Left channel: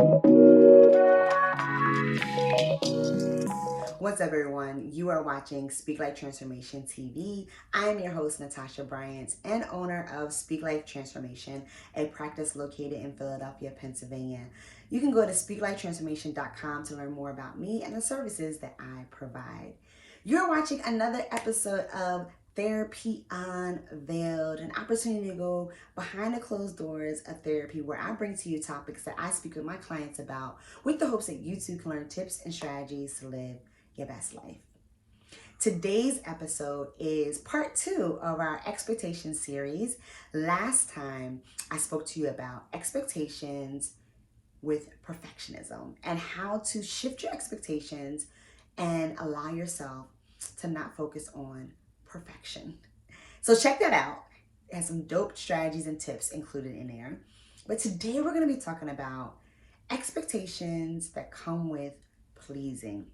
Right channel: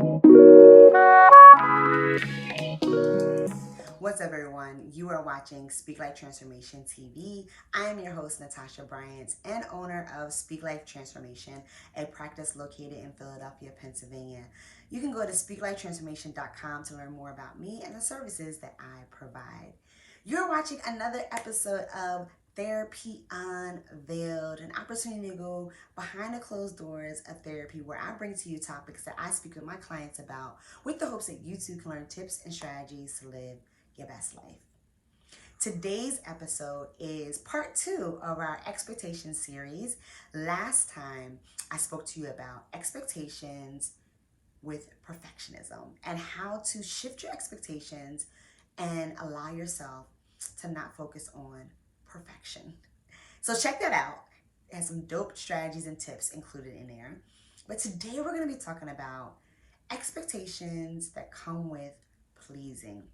What's up, everyone? You are watching Speak Life Transformation TV. I am your host, Natasha Bryant, and owner of Speak Life Transformation, a practice located in Philadelphia, Pennsylvania. You can go to speaklifetransformation.com to learn more about me and the services that I provide. You're watching another episode of Therapy Unveiled, an opportunity to go behind the closed doors of therapy, where I bring to you topics that I speak with my clients about with the hopes that you too can learn tips and strategies to live your best life. Today's episode is part 2 of our expectation series. Last time I spoke to you about expectations with perfectionism and how to shift your expectations and allow yourself to not focus on perfection. So check that out. It has some dope strategies and tips included in there. But today we're going to be talking about expectations that come with pleasing.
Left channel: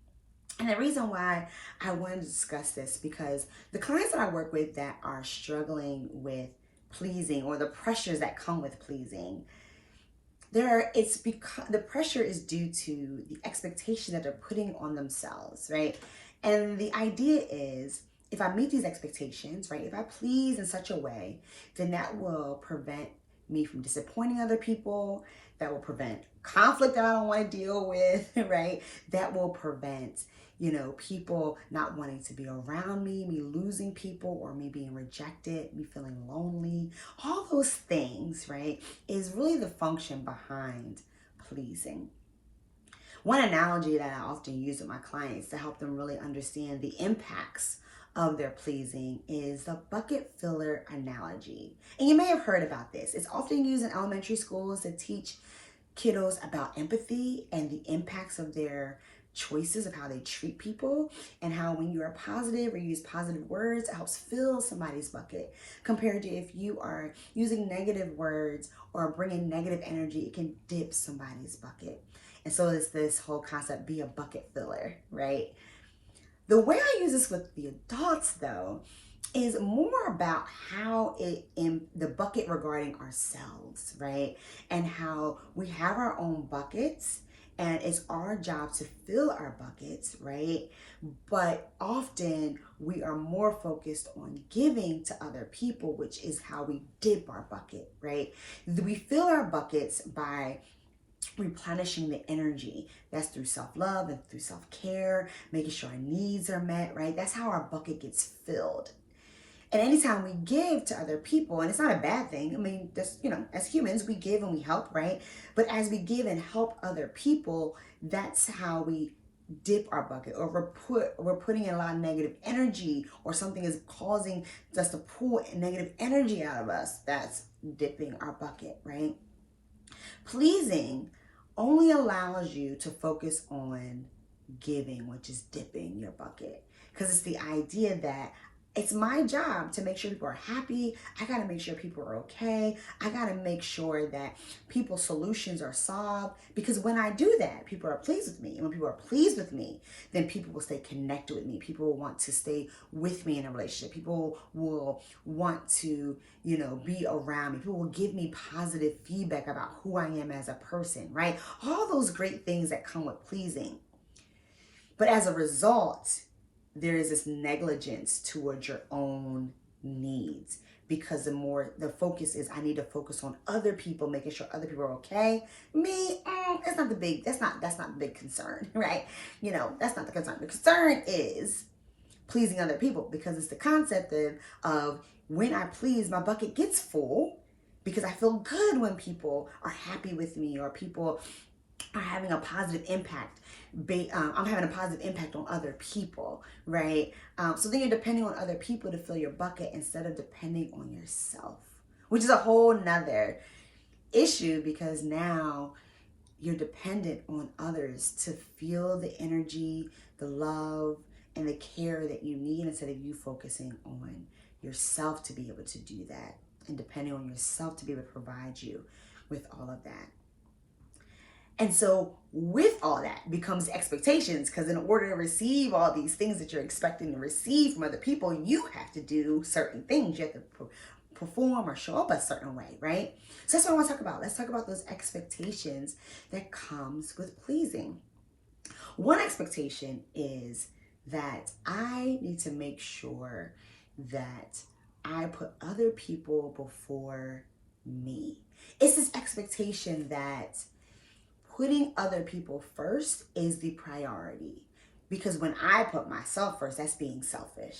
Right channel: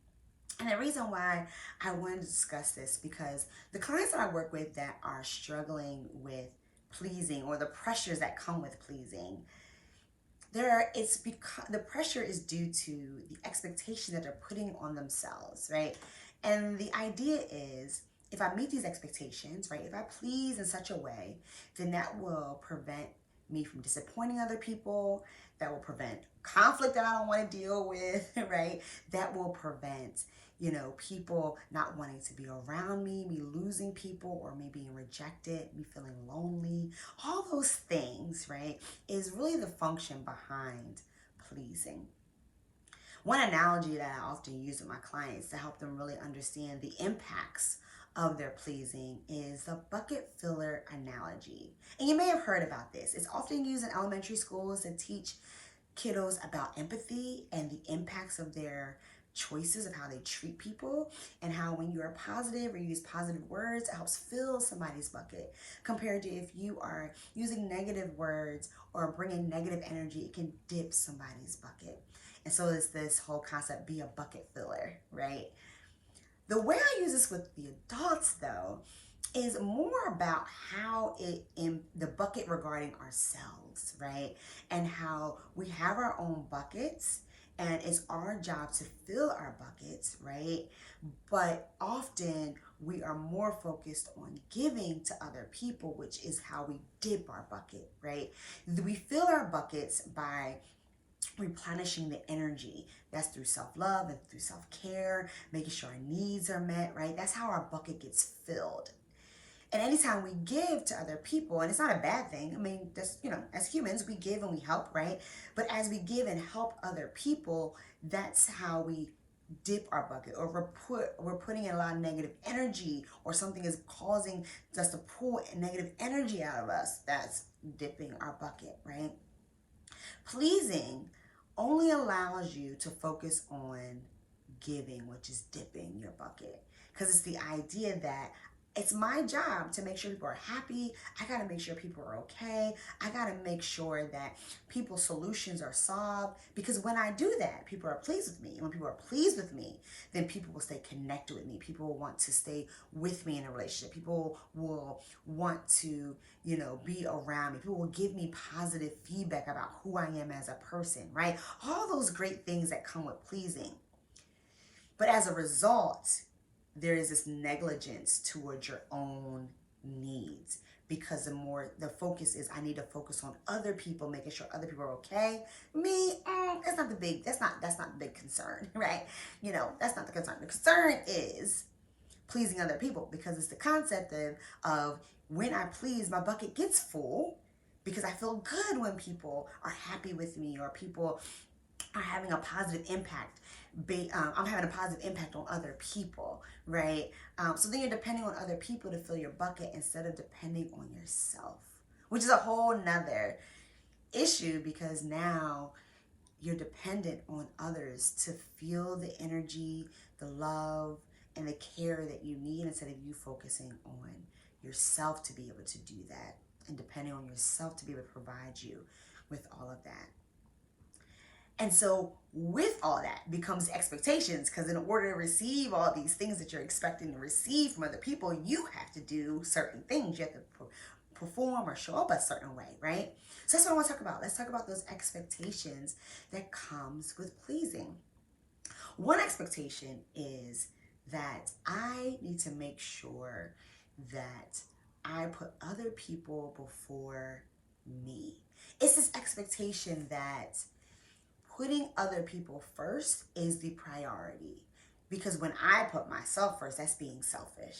And the reason why I wanted to discuss this, because the clients that I work with that are struggling with pleasing, or the pressures that come with pleasing, it's because the pressure is due to the expectation that they're putting on themselves, right? And the idea is, if I meet these expectations, right, if I please in such a way, then that will prevent me from disappointing other people. That will prevent conflict that I don't want to deal with, right? That will prevent, people not wanting to be around me losing people, or me being rejected, me feeling lonely. All those things, right, is really the function behind pleasing. One analogy that I often use with my clients to help them really understand the impacts of their pleasing is the bucket filler analogy. And you may have heard about this. It's often used in elementary schools to teach kiddos about empathy and the impacts of their choices, of how they treat people, and how when you are positive or use positive words, it helps fill somebody's bucket, compared to if you are using negative words or bringing negative energy, it can dip somebody's bucket. And so it's this whole concept, be a bucket filler, right? The way I use this with the adults, though, is more about how the bucket regarding ourselves, right? And how we have our own buckets, and it's our job to fill our buckets, right? But often we are more focused on giving to other people, which is how we dip our bucket, right? We fill our buckets by replenishing the energy. That's through self-love and through self-care, making sure our needs are met, right? That's how our bucket gets filled. And anytime we give to other people, and it's not a bad thing. I mean, that's, as humans, we give and we help, right? But as we give and help other people, that's how we dip our bucket, or we're putting in a lot of negative energy, or something is causing us to pull negative energy out of us. That's dipping our bucket, right? Pleasing only allows you to focus on giving, which is dipping your bucket. Because it's the idea that it's my job to make sure people are happy. I got to make sure people are okay. I got to make sure that people's solutions are solved. Because when I do that, people are pleased with me. And when people are pleased with me, then people will stay connected with me. People will want to stay with me in a relationship. People will want to, be around me. People will give me positive feedback about who I am as a person, right? All those great things that come with pleasing. But as a result, there is this negligence towards your own needs, because the focus is, I need to focus on other people, making sure other people are okay. Me, that's not the big concern, right? That's not the concern. The concern is pleasing other people, because it's the concept of when I please, my bucket gets full, because I feel good when people are happy with me, or people are having a positive impact. I'm having a positive impact on other people, right? So then you're depending on other people to fill your bucket instead of depending on yourself, which is a whole nother issue, because now you're dependent on others to feel the energy, the love, and the care that you need, instead of you focusing on yourself to be able to do that, and depending on yourself to be able to provide you with all of that. And so with all that becomes expectations, because in order to receive all these things that you're expecting to receive from other people, you have to do certain things. You have to perform or show up a certain way, right? So that's what I want to talk about. Let's talk about those expectations that comes with pleasing. One expectation is that I need to make sure that I put other people before me. It's this expectation that putting other people first is the priority. Because when I put myself first, that's being selfish.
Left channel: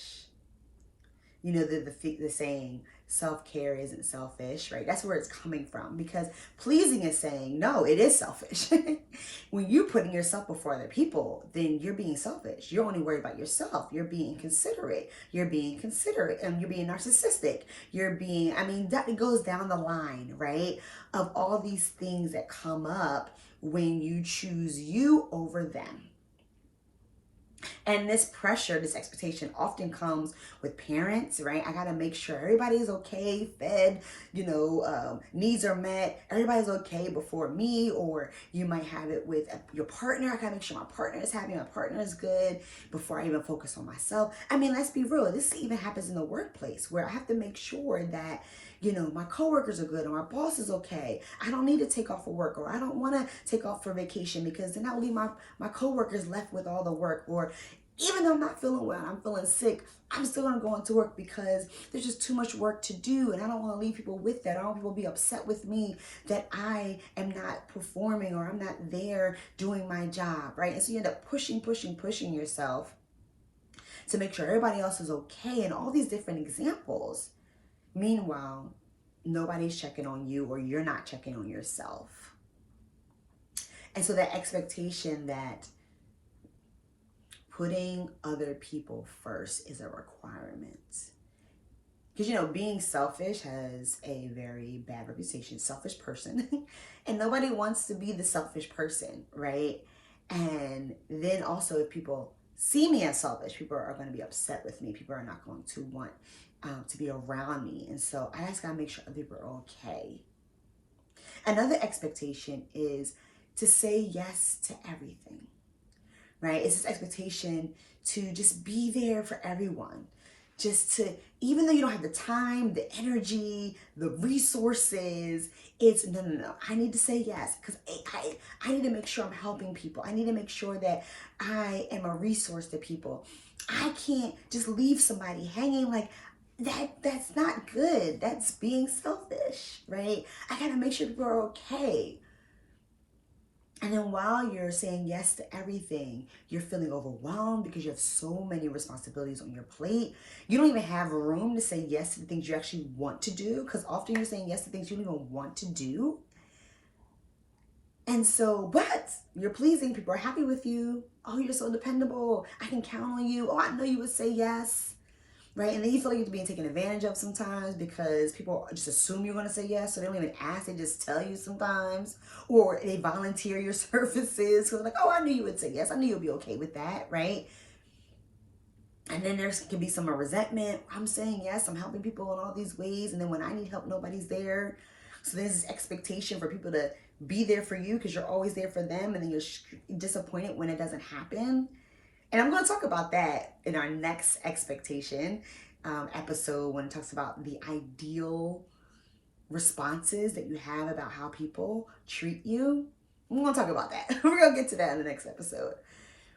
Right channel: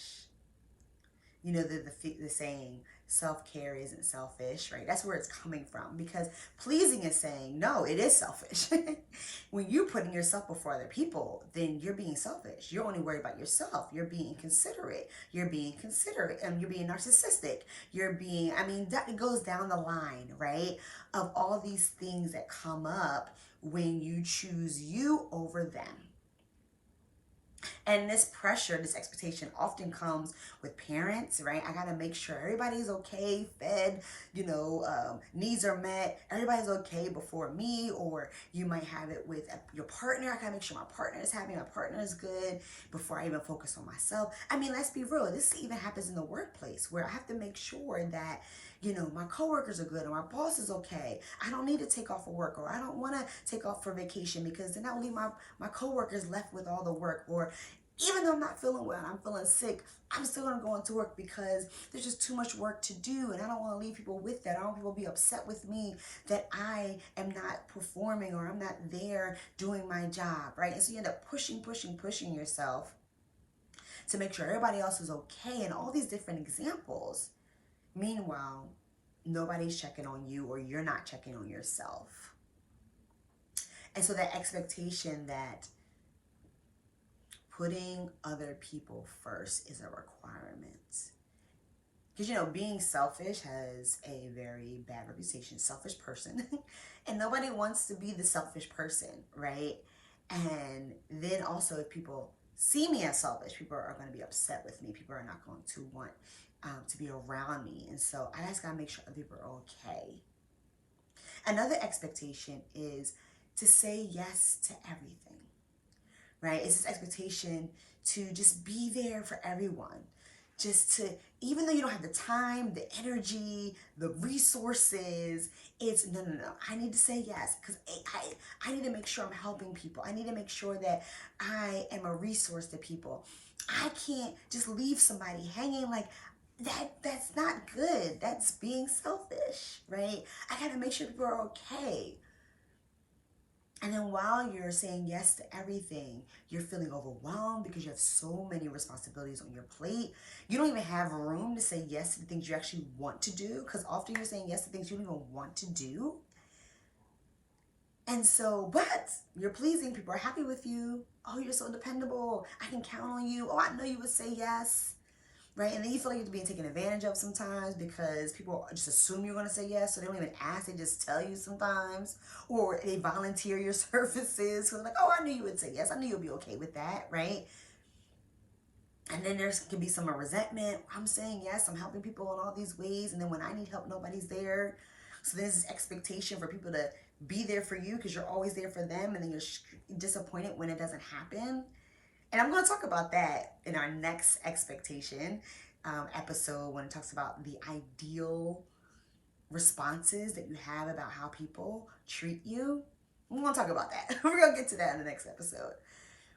You know, the saying, self-care isn't selfish, right? That's where it's coming from, because pleasing is saying, no, it is selfish. When you're putting yourself before other people, then you're being selfish. You're only worried about yourself. You're being inconsiderate. You're being considerate, and you're being narcissistic. You're being, that goes down the line, right? Of all these things that come up when you choose you over them. And this pressure, this expectation often comes with parents, right? I got to make sure everybody's okay, fed, needs are met. Everybody's okay before me. Or you might have it with your partner. I got to make sure my partner is happy, my partner is good before I even focus on myself. Let's be real. This even happens in the workplace where I have to make sure that my coworkers are good, or my boss is okay. I don't need to take off for work, or I don't want to take off for vacation, because then I'll leave my coworkers left with all the work. Or even though I'm not feeling well, I'm feeling sick, I'm still going to go into work because there's just too much work to do. And I don't want to leave people with that. I don't want people to be upset with me that I am not performing, or I'm not there doing my job, right? And so you end up pushing yourself to make sure everybody else is okay, and all these different examples. Meanwhile, nobody's checking on you, or you're not checking on yourself. And so that expectation that putting other people first is a requirement. Because, being selfish has a very bad reputation, selfish person. And nobody wants to be the selfish person, right? And then also, if people see me as selfish, people are going to be upset with me. People are not going to want to be around me. And so I just got to make sure other people are okay. Another expectation is to say yes to everything, right? It's this expectation to just be there for everyone. Just to, even though you don't have the time, the energy, the resources, it's no. I need to say yes, because I need to make sure I'm helping people. I need to make sure that I am a resource to people. I can't just leave somebody hanging like that. That's not good. That's being selfish, right? I got to make sure people are okay. And then while you're saying yes to everything, you're feeling overwhelmed because you have so many responsibilities on your plate. You don't even have room to say yes to the things you actually want to do, because often you're saying yes to things you don't even want to do. And so, but you're pleasing. People are happy with you. Oh, you're so dependable. I can count on you. Oh, I know you would say yes. Right? And then you feel like you're being taken advantage of sometimes, because people just assume you're going to say yes. So they don't even ask. They just tell you sometimes. Or they volunteer your services. So they're like, oh, I knew you would say yes. I knew you'd be okay with that. Right? And then there can be some resentment. I'm saying yes. I'm helping people in all these ways. And then when I need help, nobody's there. So there's this expectation for people to be there for you because you're always there for them. And then you're disappointed when it doesn't happen. And I'm going to talk about that in our next expectation episode, when it talks about the ideal responses that you have about how people treat you. I'm going to talk about that. We're going to get to that in the next episode.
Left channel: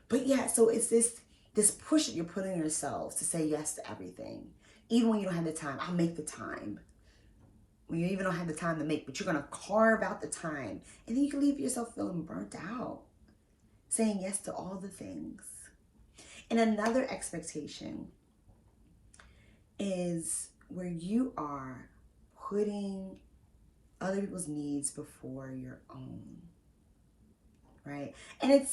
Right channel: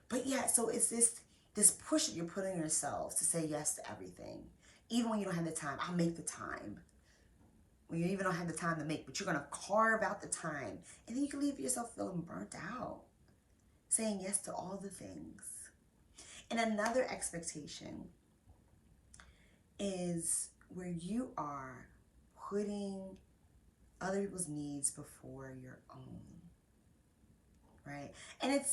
But yeah, so it's this push that you're putting on yourselves to say yes to everything. Even when you don't have the time, I'll make the time. When you even don't have the time to make, but you're going to carve out the time. And then you can leave yourself feeling burnt out, saying yes to all the things. And another expectation is where you are putting other people's needs before your own, right? And it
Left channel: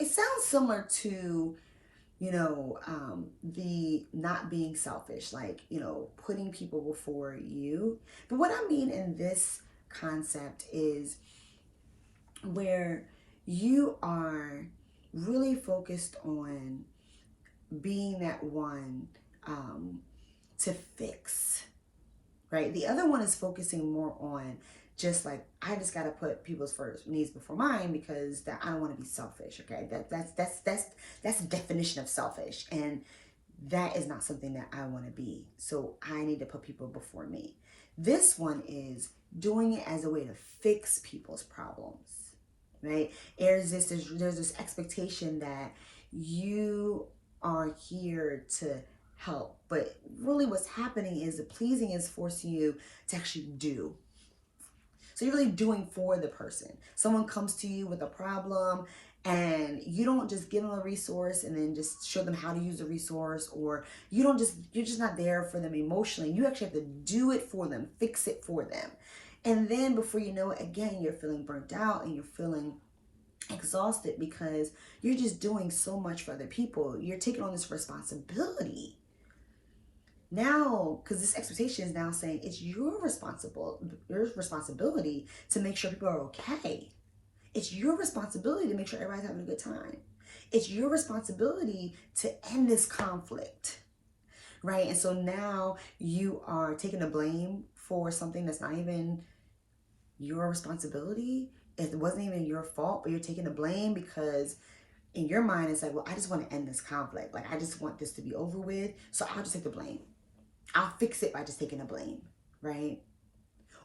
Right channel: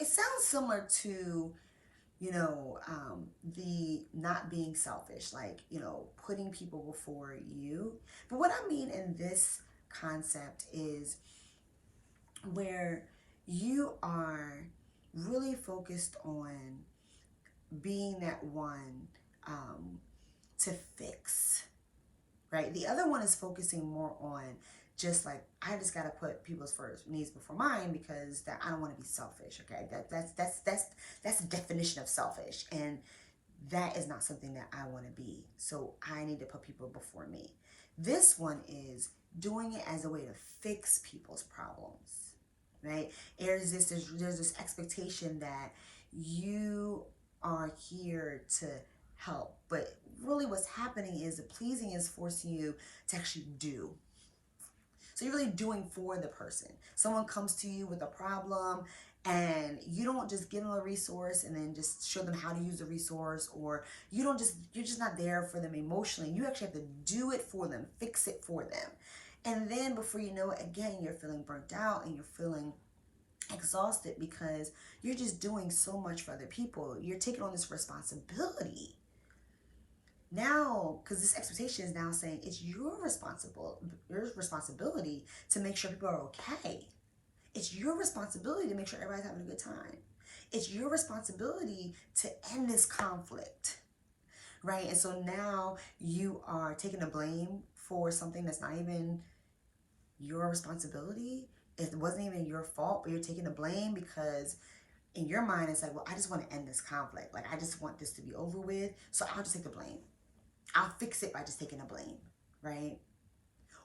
sounds similar to, the not being selfish, like, putting people before you. But what I mean in this concept is where you are really focused on being that one to fix, right? The other one is focusing more on just like, I just got to put people's first needs before mine because that I don't want to be selfish. Okay, that's the definition of selfish, and that is not something that I want to be. So I need to put people before me. This one is doing it as a way to fix people's problems, right? There's this expectation that you are here to help, but really what's happening is the pleasing is forcing you to actually do. So you're really doing for the person. Someone comes to you with a problem and you don't just give them a resource and then just show them how to use the resource, or you're just not there for them emotionally. You actually have to do it for them, fix it for them. And then before you know it, again, you're feeling burnt out and you're feeling exhausted because you're just doing so much for other people. You're taking on this responsibility. Now, because this expectation is now saying it's your responsibility to make sure people are okay. It's your responsibility to make sure everybody's having a good time. It's your responsibility to end this conflict, right? And so now you are taking the blame for something that's not even your responsibility. It wasn't even your fault, but you're taking the blame because in your mind it's like, well, I just want to end this conflict. Like, I just want this to be over with, so I'll just take the blame. I'll fix it by just taking the blame, right?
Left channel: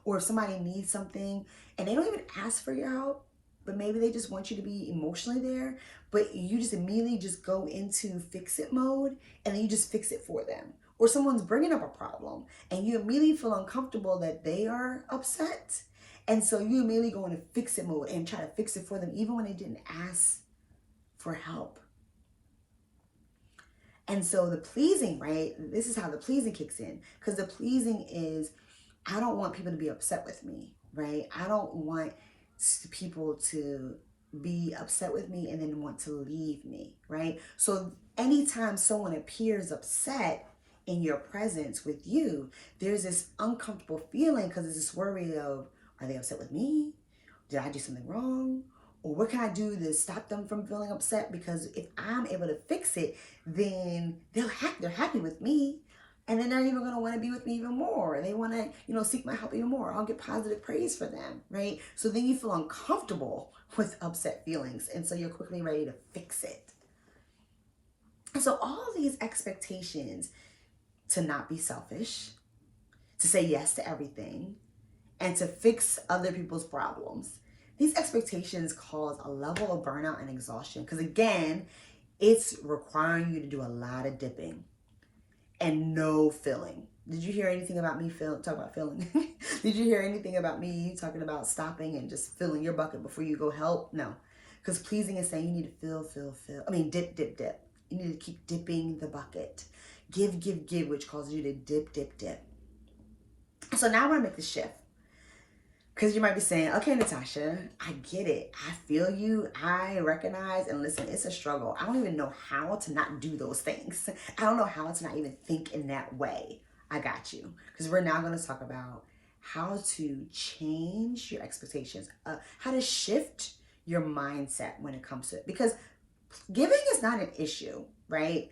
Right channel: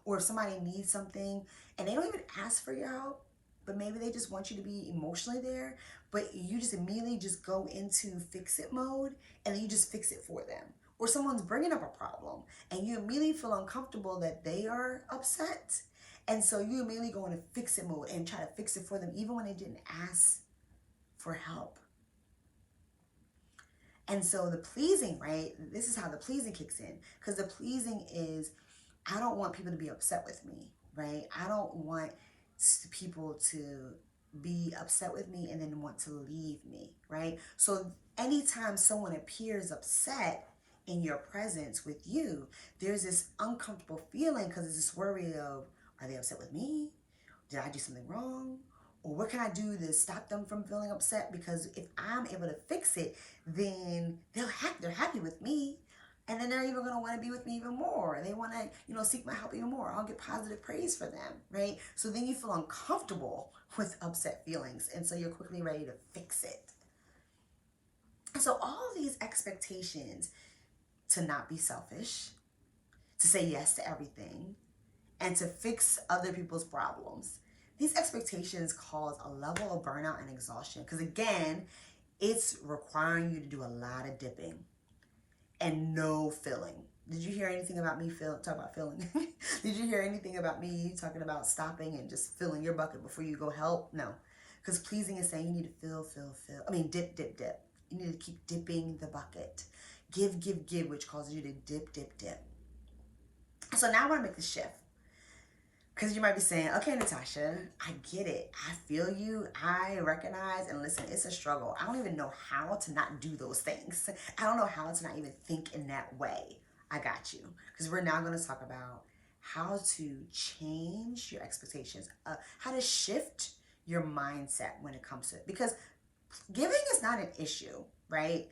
Or if somebody needs something and they don't even ask for your help, but maybe they just want you to be emotionally there, but you just immediately just go into fix it mode and then you just fix it for them. Or someone's bringing up a problem and you immediately feel uncomfortable that they are upset. And so you immediately go into fix it mode and try to fix it for them even when they didn't ask for help. And so the pleasing, right? This is how the pleasing kicks in. Because the pleasing is, I don't want people to be upset with me, right? I don't want people to be upset with me and then want to leave me, right? So anytime someone appears upset in your presence with you, there's this uncomfortable feeling because there's this worry of, are they upset with me? Did I do something wrong? Or what can I do to stop them from feeling upset? Because if I'm able to fix it, then they're happy with me. And then they're even going to want to be with me even more. They want to, seek my help even more. I'll get positive praise for them, right? So then you feel uncomfortable with upset feelings. And so you're quickly ready to fix it. And so all these expectations to not be selfish, to say yes to everything, and to fix other people's problems, these expectations cause a level of burnout and exhaustion because, again, it's requiring you to do a lot of dipping and no filling. Did you hear anything about me talk about filling? Did you hear anything about me talking about stopping and just filling your bucket before you go help? No, because pleasing is saying you need to fill. I mean, dip. You need to keep dipping the bucket. Give, which causes you to dip. So now I want to make the shift. Because you might be saying, okay, Natasha, I get it. I feel you. I recognize and listen, it's a struggle. I don't even know how to not do those things. I don't know how to not even think in that way. I got you. Because we're now going to talk about how to change your expectations, how to shift your mindset when it comes to it. Because giving is not an issue, right?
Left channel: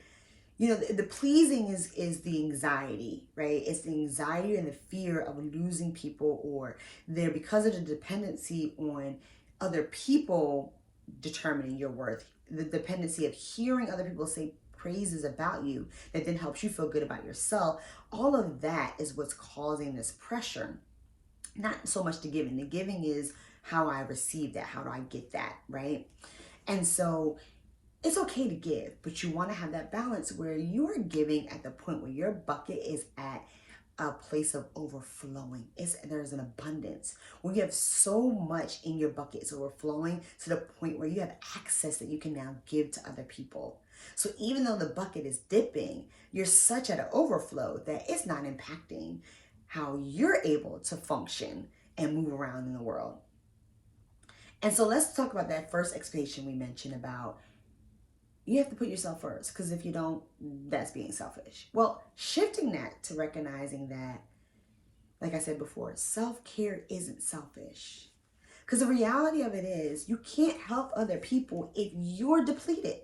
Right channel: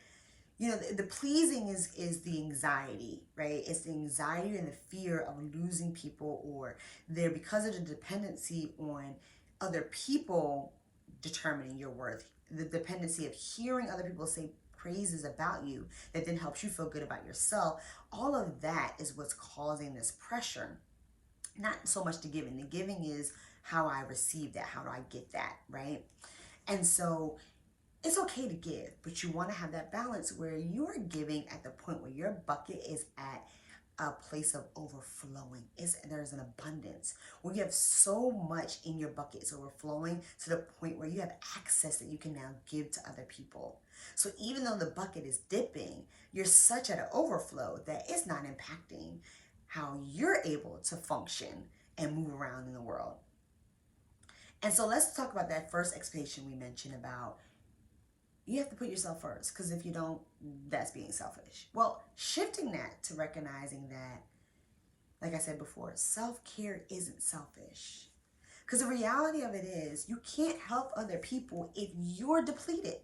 The pleasing is the anxiety, right? It's the anxiety and the fear of losing people, or because of the dependency on other people determining your worth, the dependency of hearing other people say praises about you that then helps you feel good about yourself. All of that is what's causing this pressure. Not so much the giving. The giving is how I receive that. How do I get that, right? And so it's okay to give, but you want to have that balance where you are giving at the point where your bucket is at a place of overflowing. There's an abundance where you have so much in your bucket. It's overflowing to the point where you have access that you can now give to other people. So even though the bucket is dipping, you're such at an overflow that it's not impacting how you're able to function and move around in the world. And so let's talk about that first expectation we mentioned about you have to put yourself first, because if you don't, that's being selfish. Well, shifting that to recognizing that, like I said before, self-care isn't selfish. Because the reality of it is you can't help other people if you're depleted.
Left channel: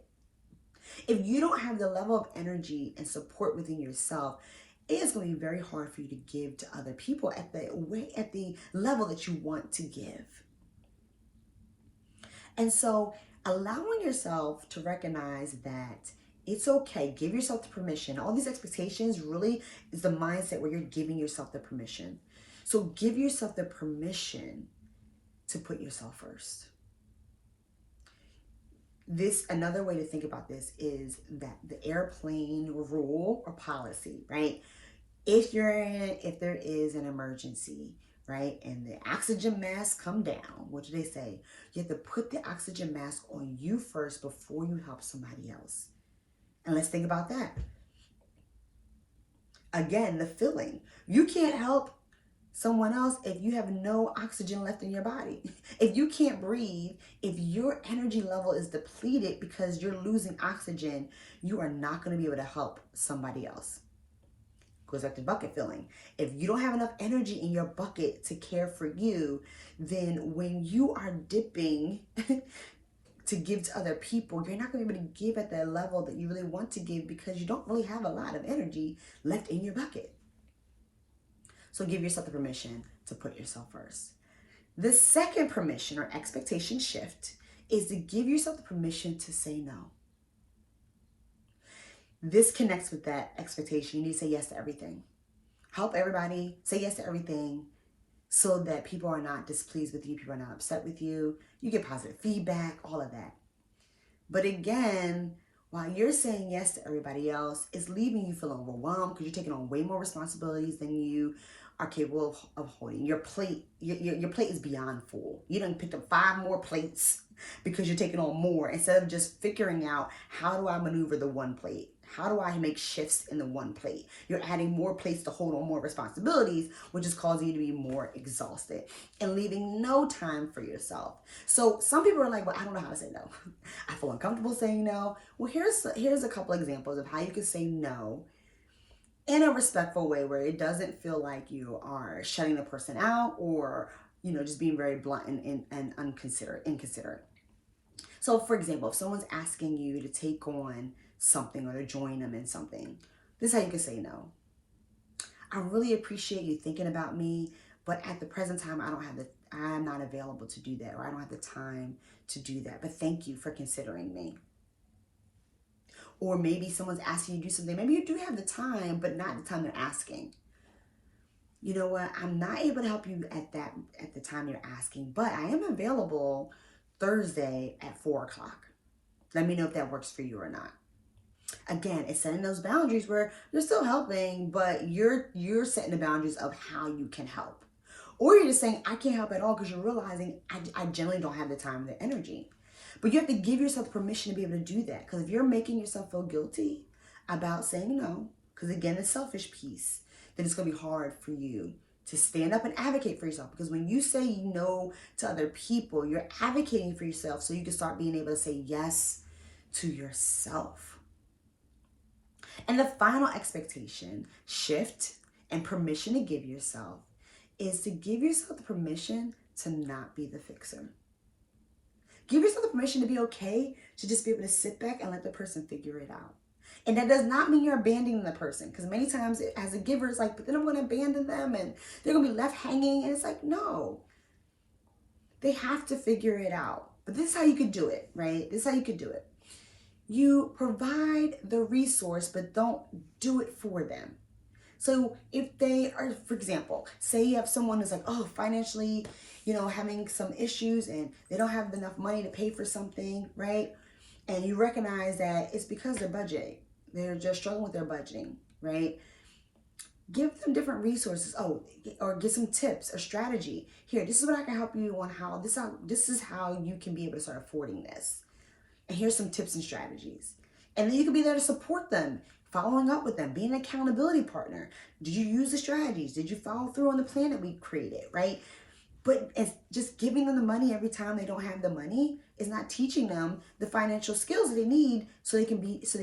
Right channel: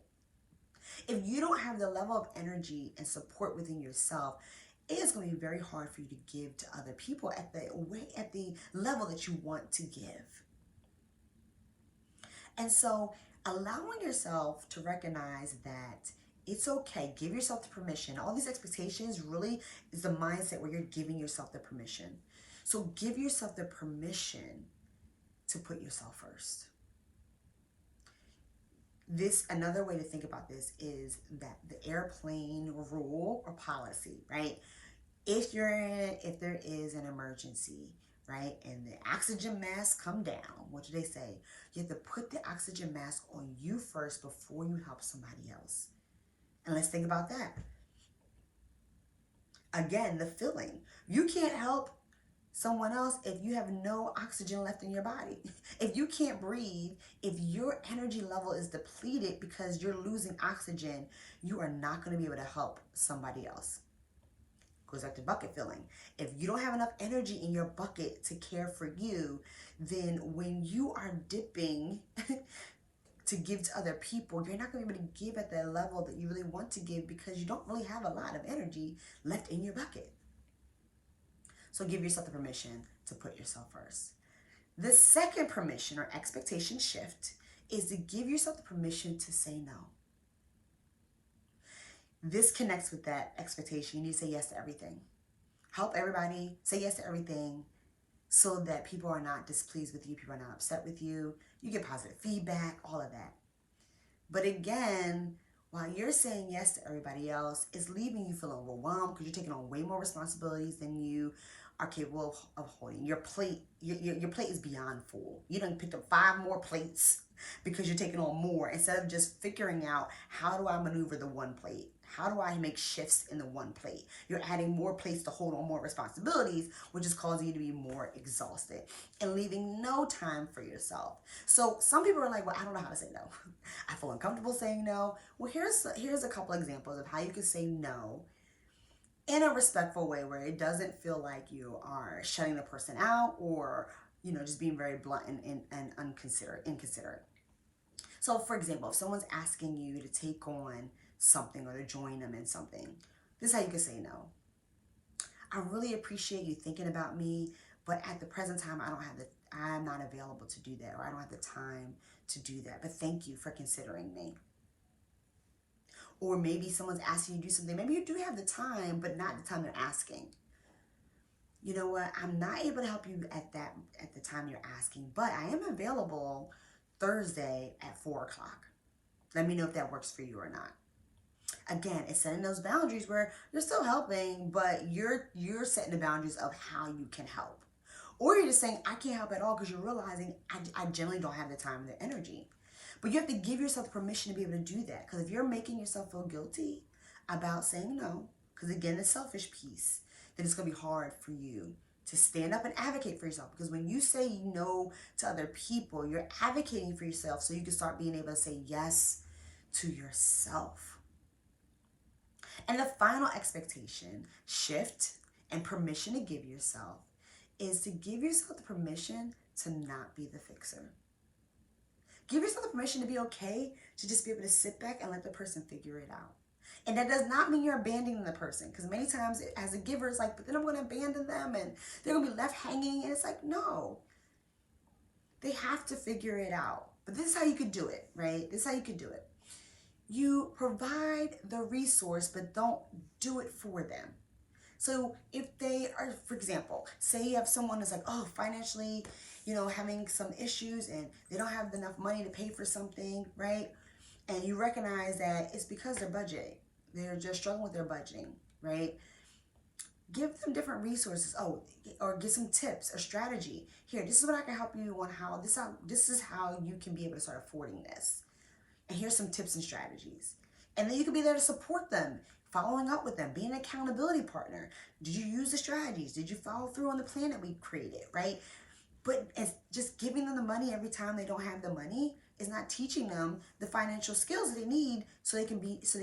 If you don't have the level of energy and support within yourself, it is going to be very hard for you to give to other people at the level that you want to give. And so allowing yourself to recognize that it's okay, give yourself the permission. All these expectations really is the mindset where you're giving yourself the permission So give yourself the permission to put yourself first. Another way to think about this is that the airplane rule or policy, right? If there is an emergency, right, and the oxygen masks come down, what do they say? You have to put the oxygen mask on you first before you help somebody else. And let's think about that. Again, the feeling. You can't help someone else if you have no oxygen left in your body. If you can't breathe, if your energy level is depleted because you're losing oxygen, you are not going to be able to help somebody else. Goes back to bucket filling. If you don't have enough energy in your bucket to care for you, then when you are dipping to give to other people, you're not going to be able to give at the level that you really want to give because you don't really have a lot of energy left in your bucket. So give yourself the permission to put yourself first. The second permission or expectation shift is to give yourself the permission to say no. This connects with that expectation. You need to say yes to everything. Help everybody. Say yes to everything so that people are not displeased with you. People are not upset with you. You get positive feedback, all of that. But again, while you're saying yes to everybody else, it's leaving you feeling overwhelmed because you're taking on way more responsibilities than you are capable of holding. Your plate is beyond full. You done picked up 5 more plates because you're taking on more instead of just figuring out, how do I maneuver the one plate? How do I make shifts in the one plate? You're adding more plates to hold on more responsibilities, which is causing you to be more exhausted and leaving no time for yourself. So some people are like, well, I don't know how to say no. I feel uncomfortable saying no. Well, here's a couple examples of how you can say no in a respectful way where it doesn't feel like you are shutting the person out or, just being very blunt and inconsiderate. So for example, if someone's asking you to take on something or to join them in something, this is how you can say no. I really appreciate you thinking about me, but at the present time, I'm not available to do that, or I don't have the time to do that, but thank you for considering me. Or maybe someone's asking you to do something. Maybe you do have the time, but not the time they're asking. You know what? I'm not able to help you at the time you're asking, but I am available Thursday at 4 o'clock. Let me know if that works for you or not. Again, it's setting those boundaries where you're still helping, but you're setting the boundaries of how you can help. Or you're just saying, I can't help at all because you're realizing I generally don't have the time or the energy. But you have to give yourself permission to be able to do that. Because if you're making yourself feel guilty about saying no, because again, the selfish piece, then it's going to be hard for you to stand up and advocate for yourself. Because when you say no to other people, you're advocating for yourself so you can start being able to say yes to yourself. And the final expectation, shift, and permission to give yourself is to give yourself the permission to not be the fixer. Give yourself the permission to be okay, to just be able to sit back and let the person figure it out. And that does not mean you're abandoning the person, because many times as a giver, it's like, but then I'm going to abandon them and they're going to be left hanging. And it's like, no, they have to figure it out. But this is how you could do it, right? This is how you could do it. You provide the resource, but don't do it for them. So if they are, for example, say you have someone who's like, oh, financially, having some issues and they don't have enough money to pay for something, right? And you recognize that it's because they're budgeting. They're just struggling with their budgeting, right? Give them different resources. Or get some tips or strategy. Here, this is what I can help you on how, this is how you can be able to start affording this. And here's some tips and strategies. And then you can be there to support them, following up with them, being an accountability partner. Did you use the strategies? Did you follow through on the plan that we created, right? But it's just giving them the money every time they don't have the money is not teaching them the financial skills that they need so they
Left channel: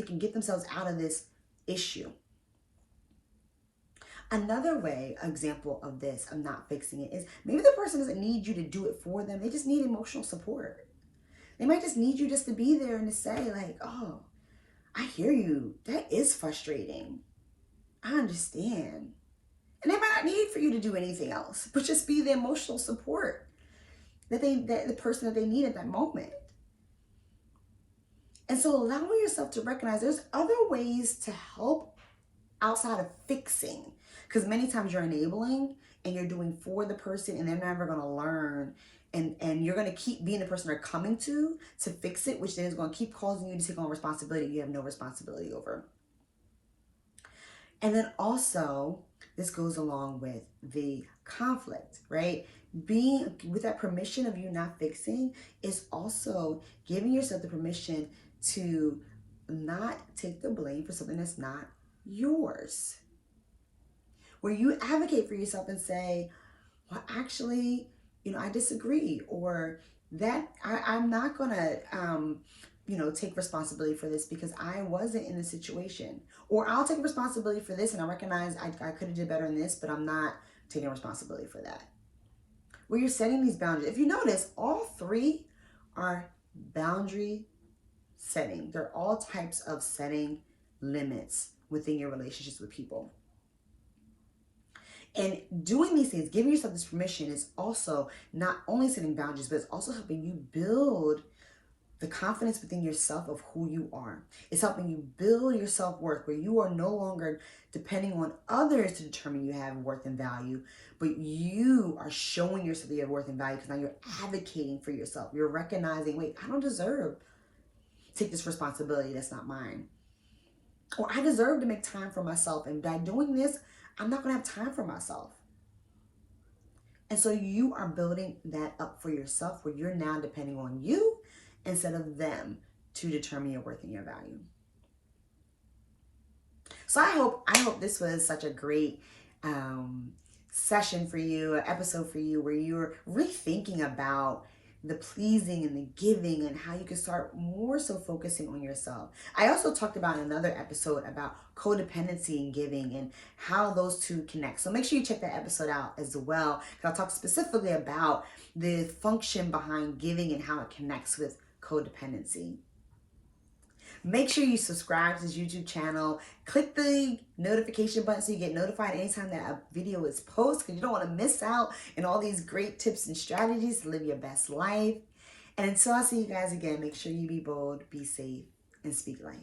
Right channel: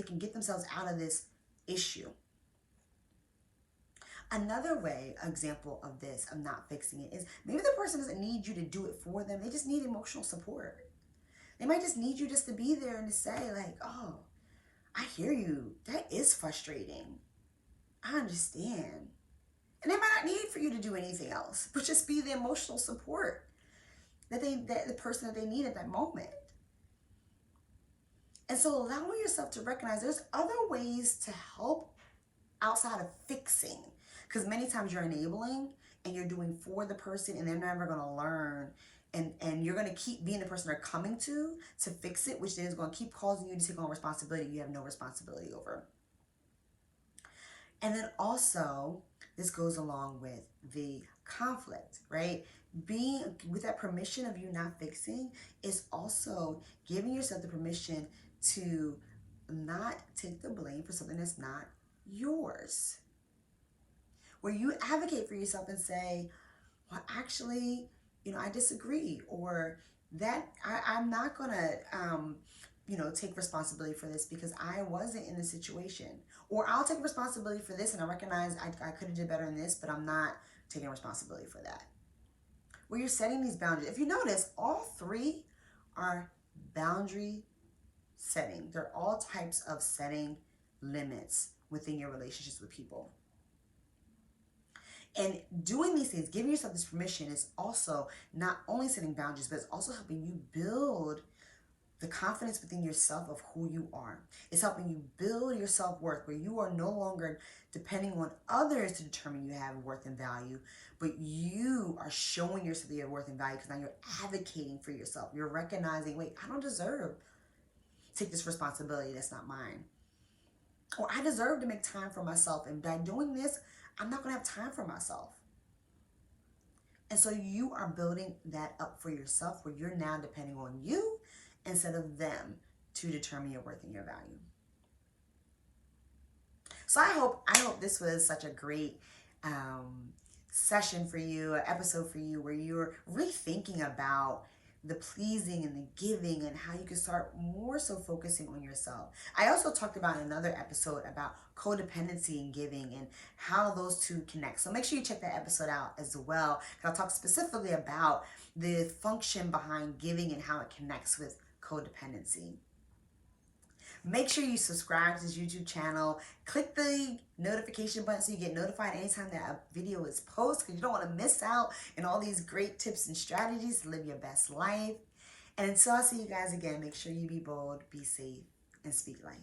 can get themselves out of this issue. Another example of this, of not fixing it, is maybe the person doesn't need you to do it for them. They just need emotional support. They might just need you just to be there and to say like, oh, I hear you. That is frustrating. I understand. And they might not need for you to do anything else, but just be the emotional support that the person that they need at that moment. And so allowing yourself to recognize there's other ways to help outside of fixing, because many times you're enabling and you're doing for the person and they're never going to learn, and you're going to keep being the person they're coming to fix it, which then is going to keep causing you to take on responsibility you have no responsibility over. And then also, this goes along with the conflict, right? Being with that permission of you not fixing is also giving yourself the permission to not take the blame for something that's not yours. Where you advocate for yourself and say, well, actually, I disagree, or that I'm not gonna, take responsibility for this because I wasn't in the situation, or I'll take responsibility for this and I recognize I could have did better in this, but I'm not taking responsibility for that. Where you're setting these boundaries. If you notice, all three are boundary setting. They're all types of setting limits within your relationships with people. And doing these things, giving yourself this permission, is also not only setting boundaries, but it's also helping you build the confidence within yourself of who you are. It's helping you build your self-worth, where you are no longer depending on others to determine you have worth and value, but you are showing yourself that you have worth and value because now you're advocating for yourself. You're recognizing, wait, I don't deserve to take this responsibility that's not mine. Or I deserve to make time for myself, and by doing this, I'm not going to have time for myself. And so you are building that up for yourself, where you're now depending on you instead of them to determine your worth and your value. So I hope this was such a great session for you, an episode for you, where you're rethinking about the pleasing and the giving and how you can start more so focusing on yourself. I also talked about in another episode about codependency and giving and how those two connect. So make sure you check that episode out as well. I'll talk specifically about the function behind giving and how it connects with codependency. Make sure you subscribe to this YouTube channel. Click the notification button so you get notified anytime that a video is posted, because you don't want to miss out on all these great tips and strategies to live your best life. And until I see you guys again, make sure you be bold, be safe, and speak life.